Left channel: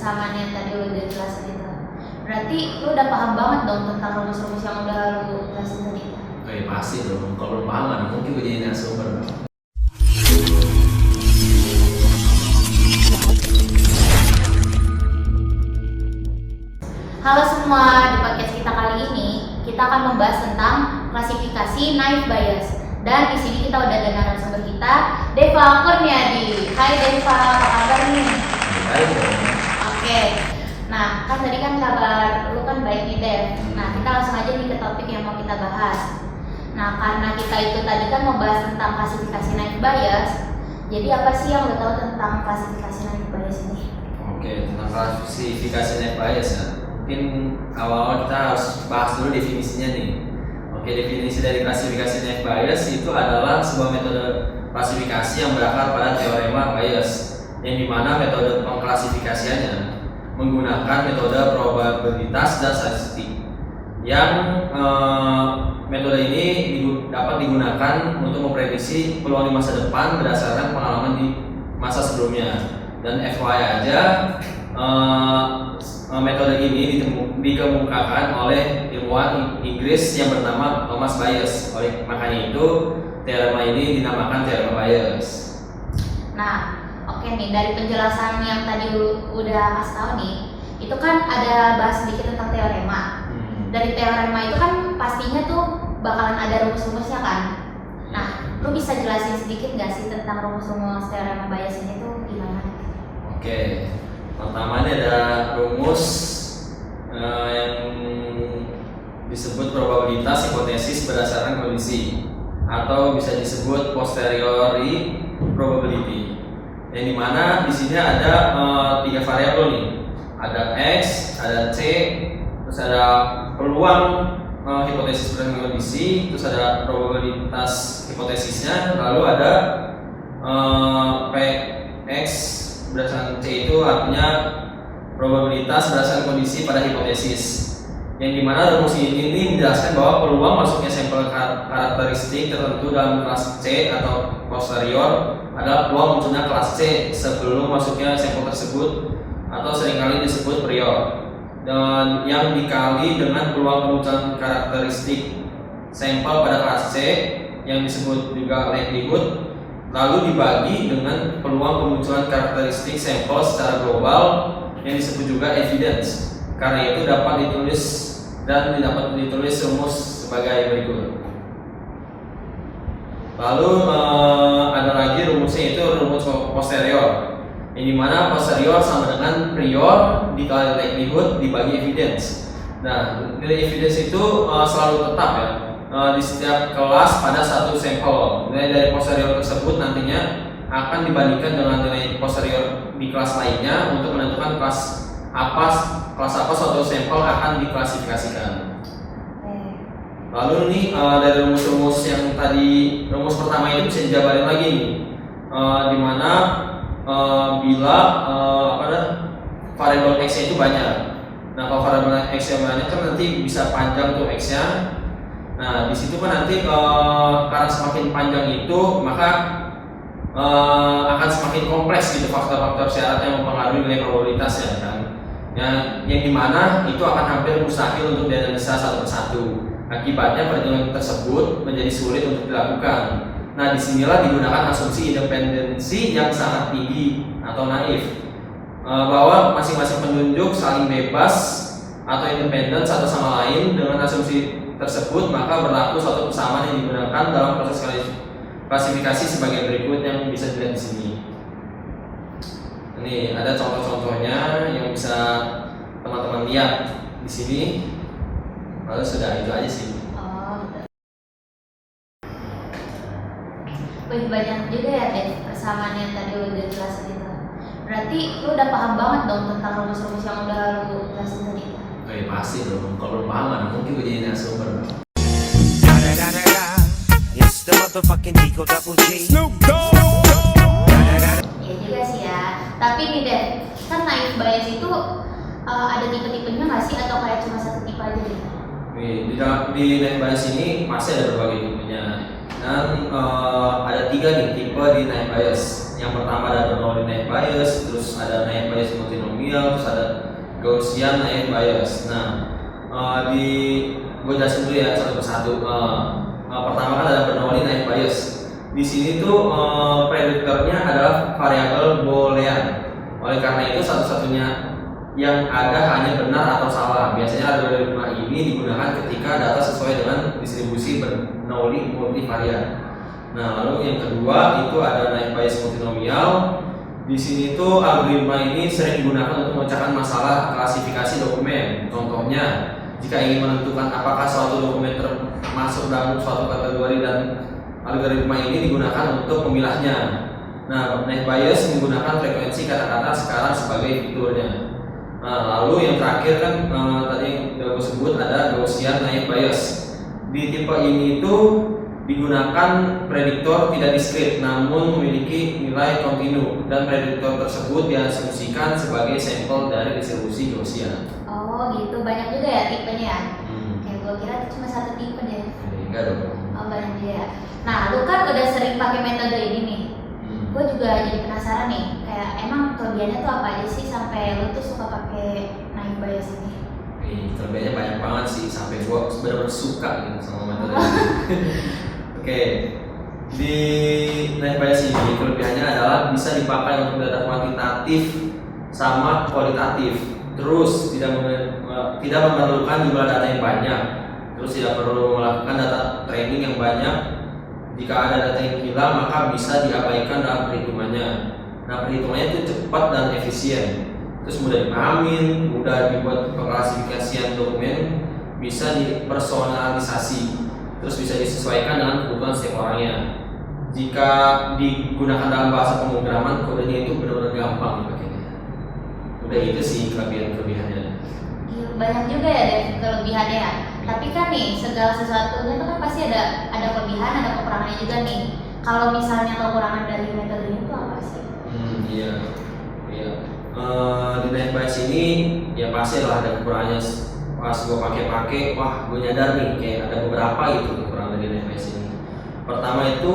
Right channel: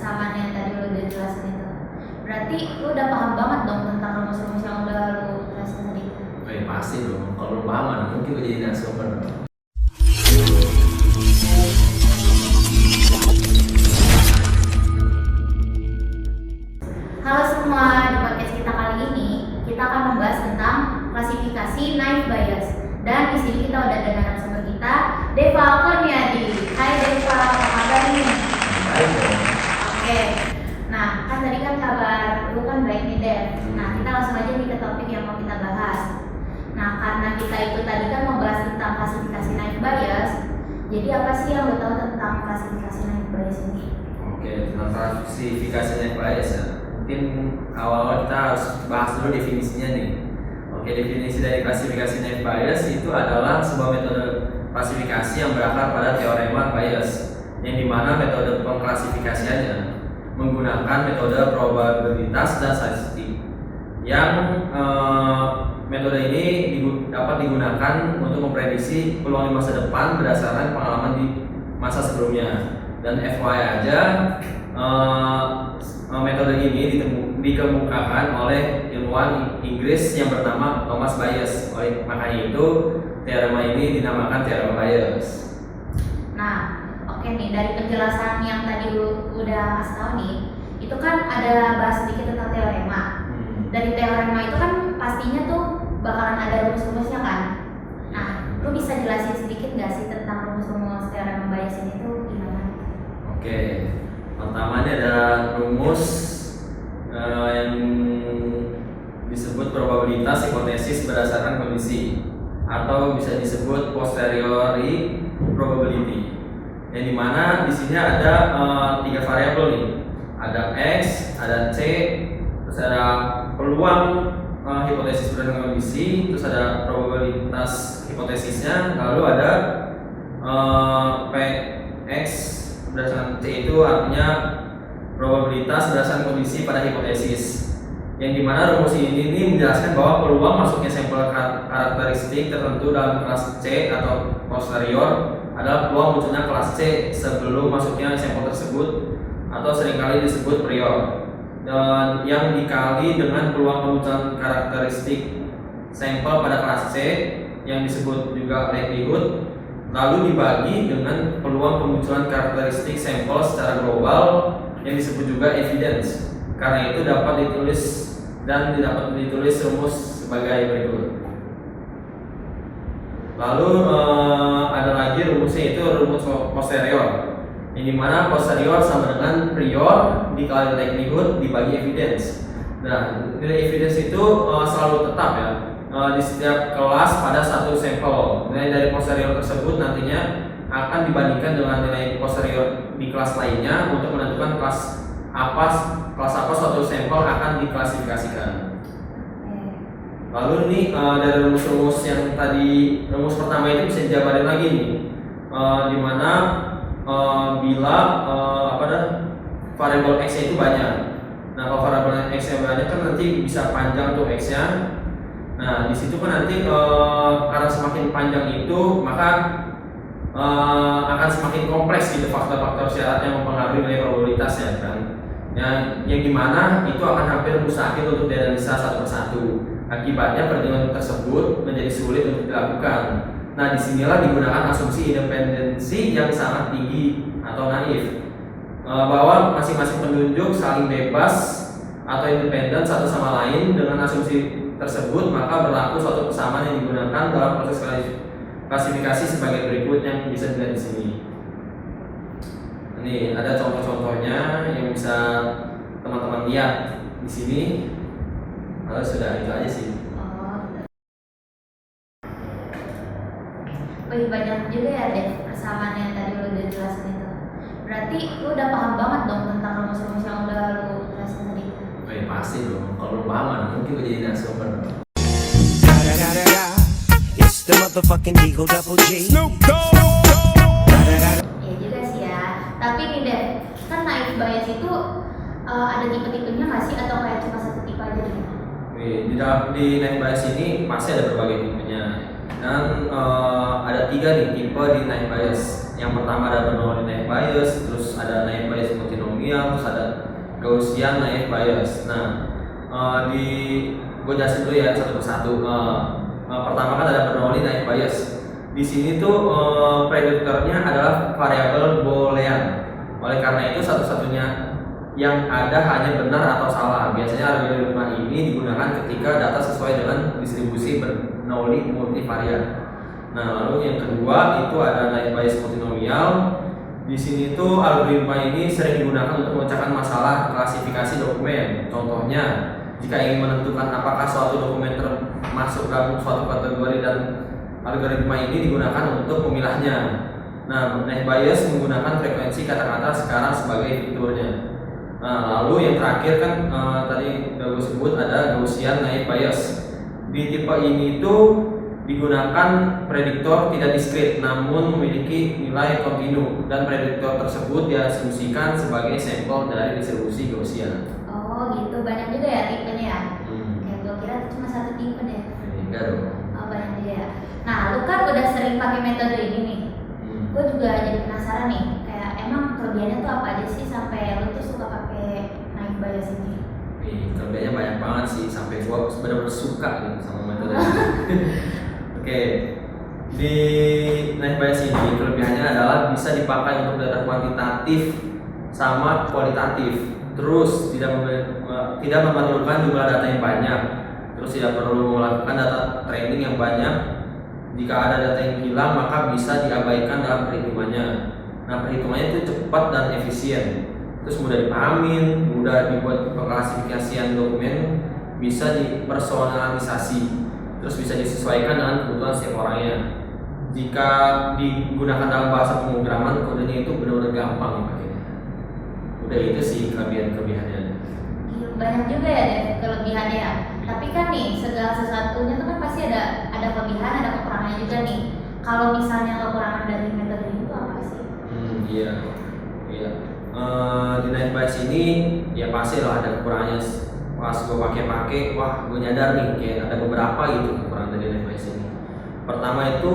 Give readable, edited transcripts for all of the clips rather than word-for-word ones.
persamaan yang tadi lu udah jelasin itu. Berarti lu udah paham banget dong tentang rumus-rumus yang udah lu jelasin tadi. Pasti dong, kalau belum paham mana mungkin gue jadi narasumber. Halo semua, di podcast kita kali ini kita akan membahas tentang klasifikasi naive Bayes. Dan di sini kita udah ada narasumber kita, Deva Kurniadi. Hai Deva, apa kabar nih? Baik dong. Oke. Nah, kan tadi kan kabar lu kan baik nih Dev. Nah, kita langsung aja nih ke topik yang mau kita bahas. Nah, karena kita itu tadi kan mau bahas tentang klasifikasi naive Bayes. Jadi apa sih yang lo tahu tentang klasifikasi naive Bayes ini? Oke, tentang klasifikasi naive Bayes ya. Mungkin awal-awal kita harus bahas dulu definisinya nih. Oke, definisi dari klasifikasi naive Bayes itu adalah sebuah metode klasifikasi yang berakar pada teorema Bayes, yang dimana metode pengklasifikasiannya menggunakan metode probabilitas dan statistik. Yang metode ini dapat digunakan untuk memprediksi peluang di masa depan berdasarkan pengalaman di masa sebelumnya. Dan FYI aja, metode ini dikemukakan oleh ilmuwan Inggris yang bernama Thomas Bayes. Oleh makanya itu teorema ini dinamakan teorema Bayes. Nah, oke nih, dari penjelasan yang tadi udah kasih tahu nih, itu kan ada bahas sedikit tentang teorema. Dari teorema itu kan pastinya tuh bakalan ada rumus-rumusnya kan. Nah, lu bisa jelasin sedikit nggak sih tentang rumus-rumus teorema Bayes ini tuh gimana? Oke, pertama ini ada rumus yang disebut probabilitas hipotesis berdasarkan kondisi, atau bisa disebut posteriori probability. Yang dimana di sini ada 3 variabel nih, ada x, ada c, terus ada peluang hipotesis berdasarkan kondisi, terus ada probabilitas hipotesisnya, lalu ada px berdasarkan c itu artinya probabilitas berdasarkan kondisi pada hipotesis. Yang dimana rumus ini menjelaskan bahwa peluang masuknya sampel karakteristik tertentu dalam kelas C atau posterior adalah peluang munculnya kelas C sebelum masuknya sampel tersebut, atau seringkali disebut prior, dan yang dikali dengan peluang kemunculan karakteristik sampel pada kelas C yang disebut juga likelihood, lalu dibagi dengan peluang kemunculan karakteristik sampel secara global yang disebut juga evidence. Karena itu dapat ditulis rumus sebagai berikut. Lalu ada lagi rumusnya, itu rumus posterior, yang dimana posterior sama dengan prior dikali likelihood dibagi evidence. Nah, nilai evidence itu selalu tetap ya di setiap kelas pada satu sampel. Nilai dari posterior tersebut nantinya akan dibandingkan dengan nilai posterior di kelas lainnya untuk menentukan kelas apa suatu sampel akan diklasifikasikan. Lalu nih dari rumus-rumus yang tadi, rumus pertama itu bisa dijabarin lagi nih, dimana bila variabel x itu banyak. Nah, kalau variabel x yang banyak kan nanti bisa panjang tuh x-nya. Nah, di situ kan nanti karena semakin panjang itu maka akan semakin kompleks gitu faktor-faktor syarat yang mempengaruhi nilai probabilitasnya kan. Yang dimana itu akan hampir mustahil untuk dianalisa satu persatu. Akibatnya perhitungan tersebut menjadi sulit untuk dilakukan. Nah, disinilah digunakan asumsi independensi yang sangat tinggi atau naif, bahwa masing-masing penunjuk saling bebas atau independen satu sama lain. Dengan asumsi tersebut maka berlaku suatu persamaan yang digunakan dalam proses klasifikasi sebagai berikut yang bisa dilihat di sini. Ini ada contoh-contohnya yang bisa teman-teman lihat di sini. Lalu sudah itu aja sih. Wih, banyak juga ya Dev persamaan yang tadi lu udah jelasin itu. Berarti lu udah paham banget dong tentang rumus-rumus yang udah lu jelasin tadi. Pasti dong, kalau belum paham mana mungkin gue jadi narasumber. It's the motherfucking Eagle Double G. Snoop Dogg. Ya juga sih ya. Tapi nih Dev, kan naive Bayes itu ada tipe-tipenya nggak sih, atau kayak cuma satu tipe aja gitu? Di naive Bayes ini masih ada berbagai tipenya. Dan ada 3 nih tipe di naive Bayes. Yang pertama ada Bernoulli naive Bayes, terus ada naive Bayes multinomial, terus ada Gaussian naive Bayes. Nah, gue jelasin dulu ya satu persatu. Pertama kan ada Bernoulli naive Bayes. Di sini tuh prediktornya adalah variabel Boolean. Oleh karena itu satu-satunya yang ada hanya benar atau salah. Biasanya algoritma ini digunakan ketika data sesuai dengan distribusi Bernoulli multivarian. Nah, lalu yang kedua itu ada naive Bayes multinomial. Di sini tuh algoritma ini sering digunakan untuk memecahkan masalah klasifikasi dokumen. Contohnya, jika ingin menentukan apakah suatu dokumen termasuk dalam suatu kategori dan algoritma ini digunakan untuk memilahnya. Nah, naive Bayes menggunakan frekuensi kata-kata sekarang sebagai fiturnya. Nah, lalu yang terakhir kan tadi udah gue sebut ada Gaussian naive Bayes. Di tipe ini itu digunakan prediktor tidak diskrit namun memiliki nilai kontinu dan prediktor tersebut diasumsikan sebagai sampel dari distribusi Gaussian. Oh gitu, banyak juga ya tipenya ya? Kayak gue kira cuma satu tipe deh. Enggak dong. Oh banyak juga ya. Nah lu kan udah sering pakai metode ini nih. Gue juga jadi penasaran nih, kayak emang kelebihannya tuh apa aja sih sampai lu tuh suka pakai naive Bayes ini? Kelebihannya banyak banget sih, sampai gue benar-benar suka gitu sama metode ini. Oke, di naive Bayes ini kelebihannya adalah bisa dipakai untuk data kuantitatif sama kualitatif. Terus tidak memerlukan jumlah data yang banyak. Terus tidak perlu melakukan data training yang banyak. Jika ada data yang hilang maka bisa diabaikan dalam perhitungannya. Nah, perhitungannya itu cepat dan efisien. Terus mudah dipahamin, mudah dibuat pengklasifikasian dokumen, bisa dipersonalisasi, terus bisa disesuaikan dengan kebutuhan setiap orangnya. Jika digunakan dalam bahasa pemrograman, kodenya itu benar-benar gampang dipakainya. Udah itu sih kelebihannya. Banyak juga ya dari kelebihannya ya. Tapi kan nih segala sesuatunya tuh kan pasti ada kelebihan, ada kekurangannya juga nih. Kalau misalnya kekurangan dari metode ini tuh apa sih? Iya. Di naive Bayes ini ya pasti lah ada kekurangannya. Pas gue pakai, wah gue nyadar nih kayak ada beberapa gitu kekurangan dari naive Bayes ini. Pertama itu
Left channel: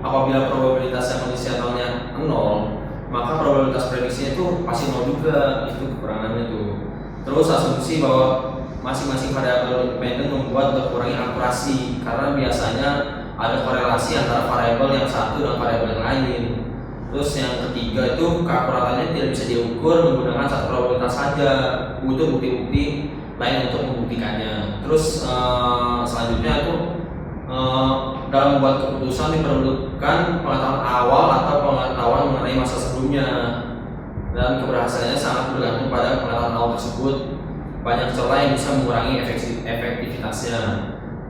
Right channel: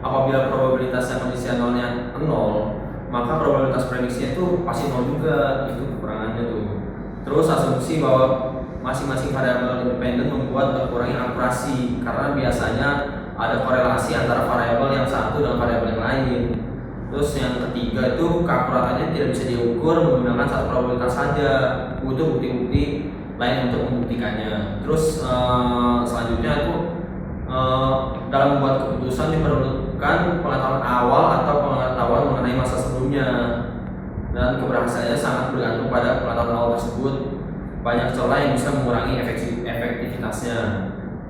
apabila probabilitas yang kondisionalnya 0, maka probabilitas prediksinya tuh pasti 0 juga. Itu kekurangannya tuh. Terus asumsi bahwa masing-masing variabel independen membuat berkurangnya akurasi karena biasanya ada korelasi antara variabel yang satu dengan variabel yang lain. Terus yang ketiga itu keakuratannya tidak bisa diukur menggunakan satu probabilitas saja, butuh bukti-bukti lain untuk membuktikannya. Terus selanjutnya itu dalam membuat keputusan diperlukan pengetahuan awal atau pengetahuan mengenai masa sebelumnya, dan keberhasilannya sangat bergantung pada pengetahuan awal tersebut. Banyak celah yang bisa mengurangi efektivitasnya.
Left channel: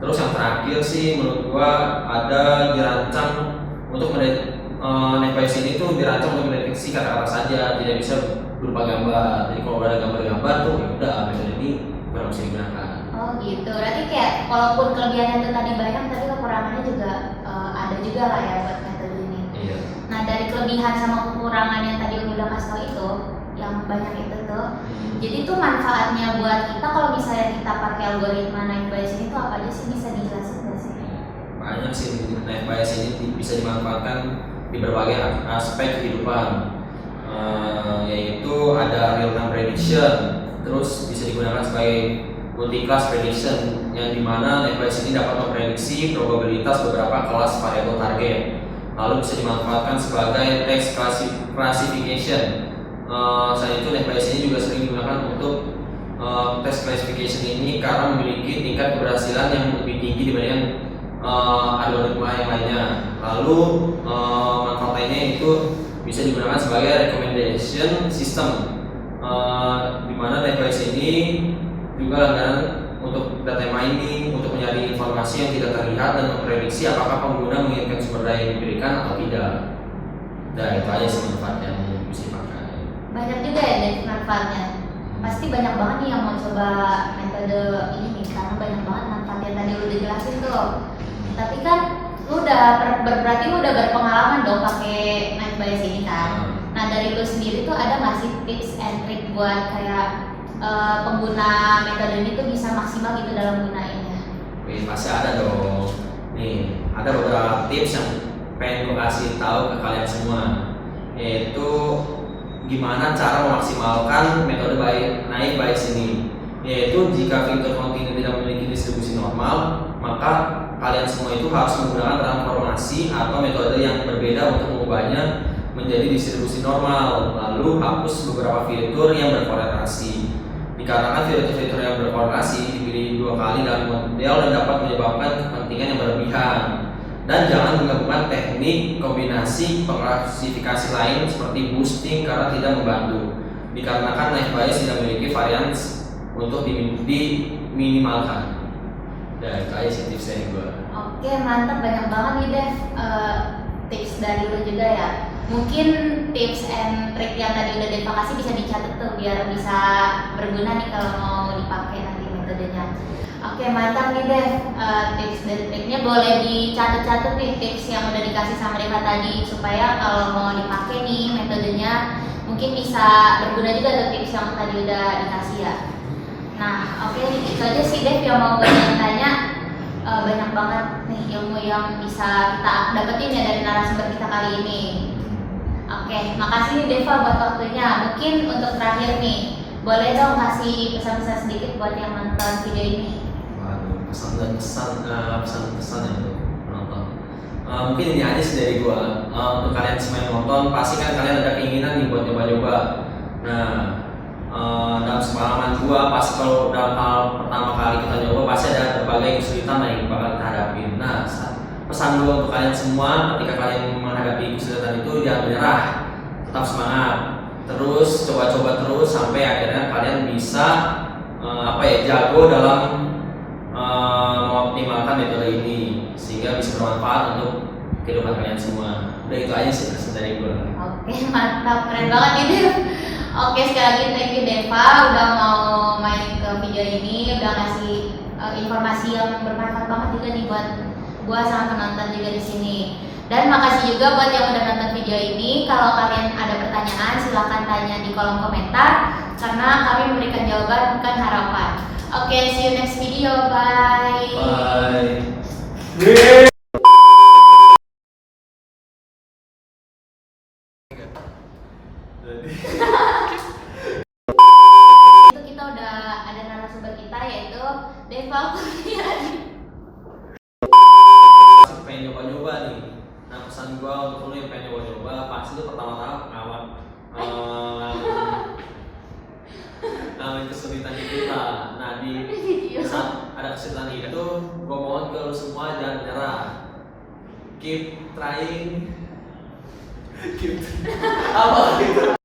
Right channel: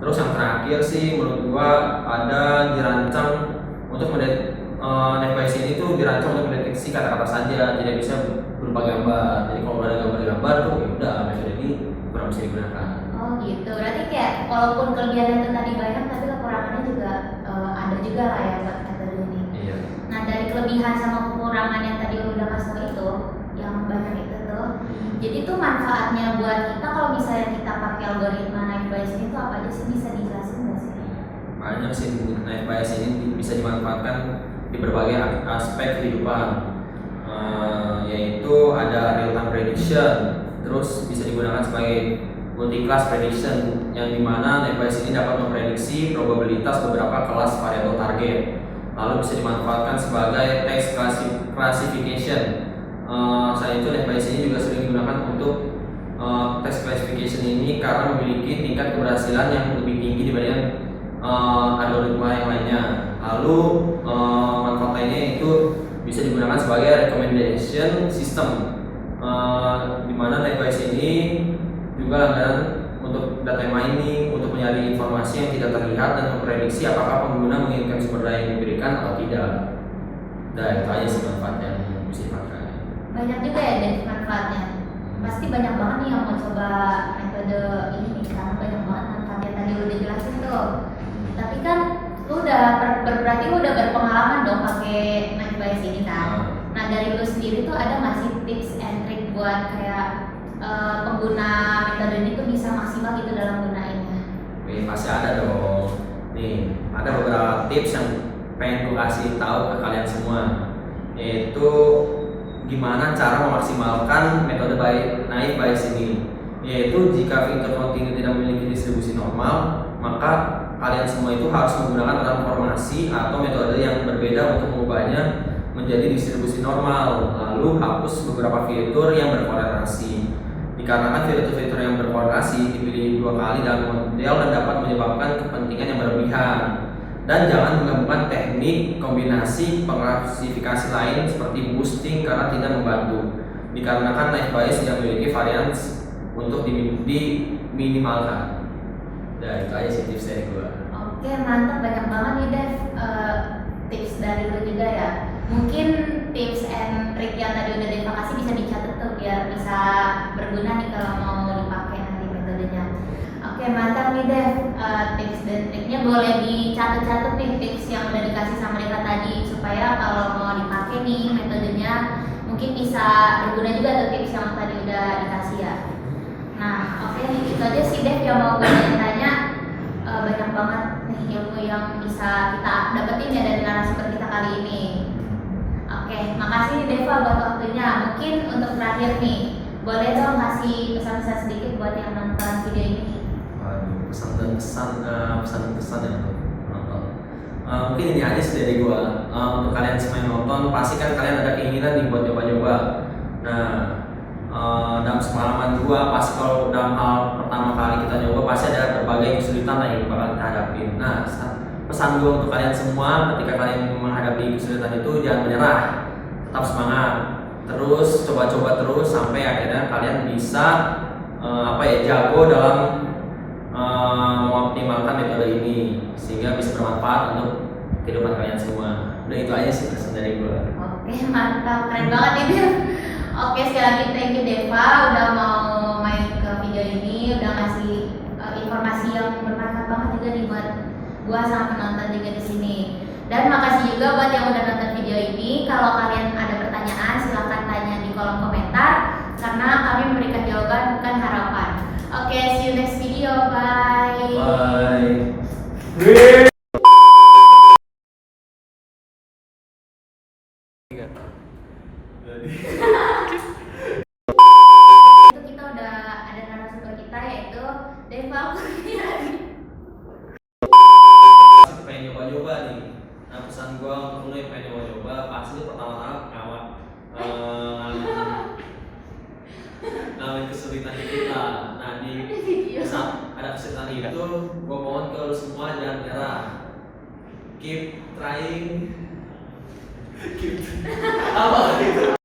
Terus yang terakhir sih menurut gua ada dirancang untuk naive Bayes ini tuh dirancang untuk mendeteksi kata-kata saja, tidak bisa berupa gambar. Jadi kalau ada gambar-gambar tuh ya udah metode ini kurang bisa digunakan. Oh gitu. Berarti kayak walaupun kelebihannya itu tadi banyak, tapi kekurangannya juga ada juga lah ya buat metode ini. Iya. Nah dari kelebihan sama kekurangan yang tadi lu udah kasih tau itu, yang banyak itu tuh, jadi tuh manfaatnya buat kita kalau misalnya kita pakai algoritma naive Bayes ini tuh apa aja sih, bisa dijelasin nggak sih? Banyak sih naive Bayes ini bisa dimanfaatkan di berbagai aspek kehidupan, yaitu ada real time prediction, terus bisa digunakan sebagai multi-class prediction yang dimana naive Bayes ini dapat memprediksi probabilitas beberapa kelas variabel target. Lalu bisa dimanfaatkan sebagai text classification. Selain itu naive Bayes ini juga sering digunakan untuk text classification ini karena memiliki tingkat keberhasilan yang lebih tinggi dibanding algoritma yang lainnya. Lalu manfaat lainnya itu bisa digunakan sebagai recommendation system, di mana naive Bayes ini juga langganan untuk data mining, untuk mencari informasi yang tidak terlihat dan memprediksi apakah pengguna menginginkan sumber daya yang diberikan atau tidak. Nah itu aja sih manfaat yang bisa dipakai. Banyak juga ya dari manfaatnya. Pasti banyak banget nih yang mau coba metode ini nih, karena banyak banget manfaatnya tadi lu udah jelasin tuh. Tapi kan lu udah berarti lu udah berpengalaman dong pakai naive Bayes ini kan. Nah dari lu sendiri tuh ada nggak sih tips and trick buat kayak pengguna metode ini tuh bisa maksimal gitu dalam gunainnya? Wih, pasti ada dong. Nih, ada beberapa tips yang pengen gue kasih tahu ke kalian semua. yaitu gimana cara memaksimalkan metode naik bias ini. Yaitu jika Victor Continu tidak memiliki distribusi normal, maka kalian semua itu harus menggunakan transformasi atau metode yang berbeda untuk mengubahnya menjadi distribusi normal, lalu hapus beberapa fitur yang berkorelasi. Dikarenakan fitur-fitur yang berkorelasi dipilih 2 kali dalam model dan dapat menyebabkan kepentingan yang berlebihan. Dan jangan menggabungkan teknik kombinasi pengklasifikasi lain seperti boosting karena tidak membantu. Dikarenakan naik bias tidak memiliki varians untuk diminimalkan. Dan itu aja sih tips dari gue. Oke, mantap, banyak banget nih Dev, tips dari lu juga ya. Mungkin tips and trick yang tadi udah Dev kasih bisa dicatat tuh biar bisa berguna nih kalau mau dipakai nanti metodenya. Oke, mantap nih Dev, tips dan triknya boleh dicatat-catat nih tips yang udah dikasih sama Deva tadi supaya kalau mau dipakai nih metodenya mungkin bisa berguna juga tuh tips yang tadi udah dikasih ya. Nah, oke, itu aja sih Dev yang mau gue tanya. Banyak banget nih ilmu yang bisa kita dapetin ya dari narasumber kita kali ini. Oke, makasih nih Deva buat waktunya. Mungkin untuk terakhir nih, boleh dong kasih pesan-pesan sedikit buat yang nonton video ini. Waduh, pesan-pesan yang buat penonton. Mungkin ini aja sih dari gua. Untuk kalian semua yang nonton, pasti kan kalian ada keinginan nih buat nyoba-nyoba. Nah, dalam pengalaman gua, pasti kalau dalam hal pertama kali kita nyoba pasti ada berbagai kesulitan yang bakal kita hadapin. Nah, pesan gua untuk kalian semua, ketika kalian menghadapi kesulitan itu jangan menyerah, tetap semangat, terus coba-coba terus sampai akhirnya kalian bisa jago dalam mengoptimalkan metode ini sehingga bisa bermanfaat untuk kehidupan kalian semua. Udah itu aja sih pesan dari gua. Oke, mantap, keren banget ini. Oke, sekali lagi thank you Deva udah mau main ke video ini, udah ngasih informasi yang bermanfaat banget juga nih buat gua sama penonton juga di sini. Dan makasih juga buat yang udah nonton video ini. Kalau kalian ada pertanyaan silahkan tanya di kolom komentar karena kami memberikan jawaban bukan harapan. Oke, see you next video, bye. Bye. Itu kita udah ada narasumber kita yaitu Deva Kurniadi. Pengen nyoba-nyoba nih. Nah, pesan gua untuk lu yang pengen nyoba-nyoba, pasti lu pertama-tama ngalamin kesulitan itu lah. Nah, di saat ada kesulitan itu, gua mohon ke lu semua jangan menyerah. Keep trying. Keep apa gitu?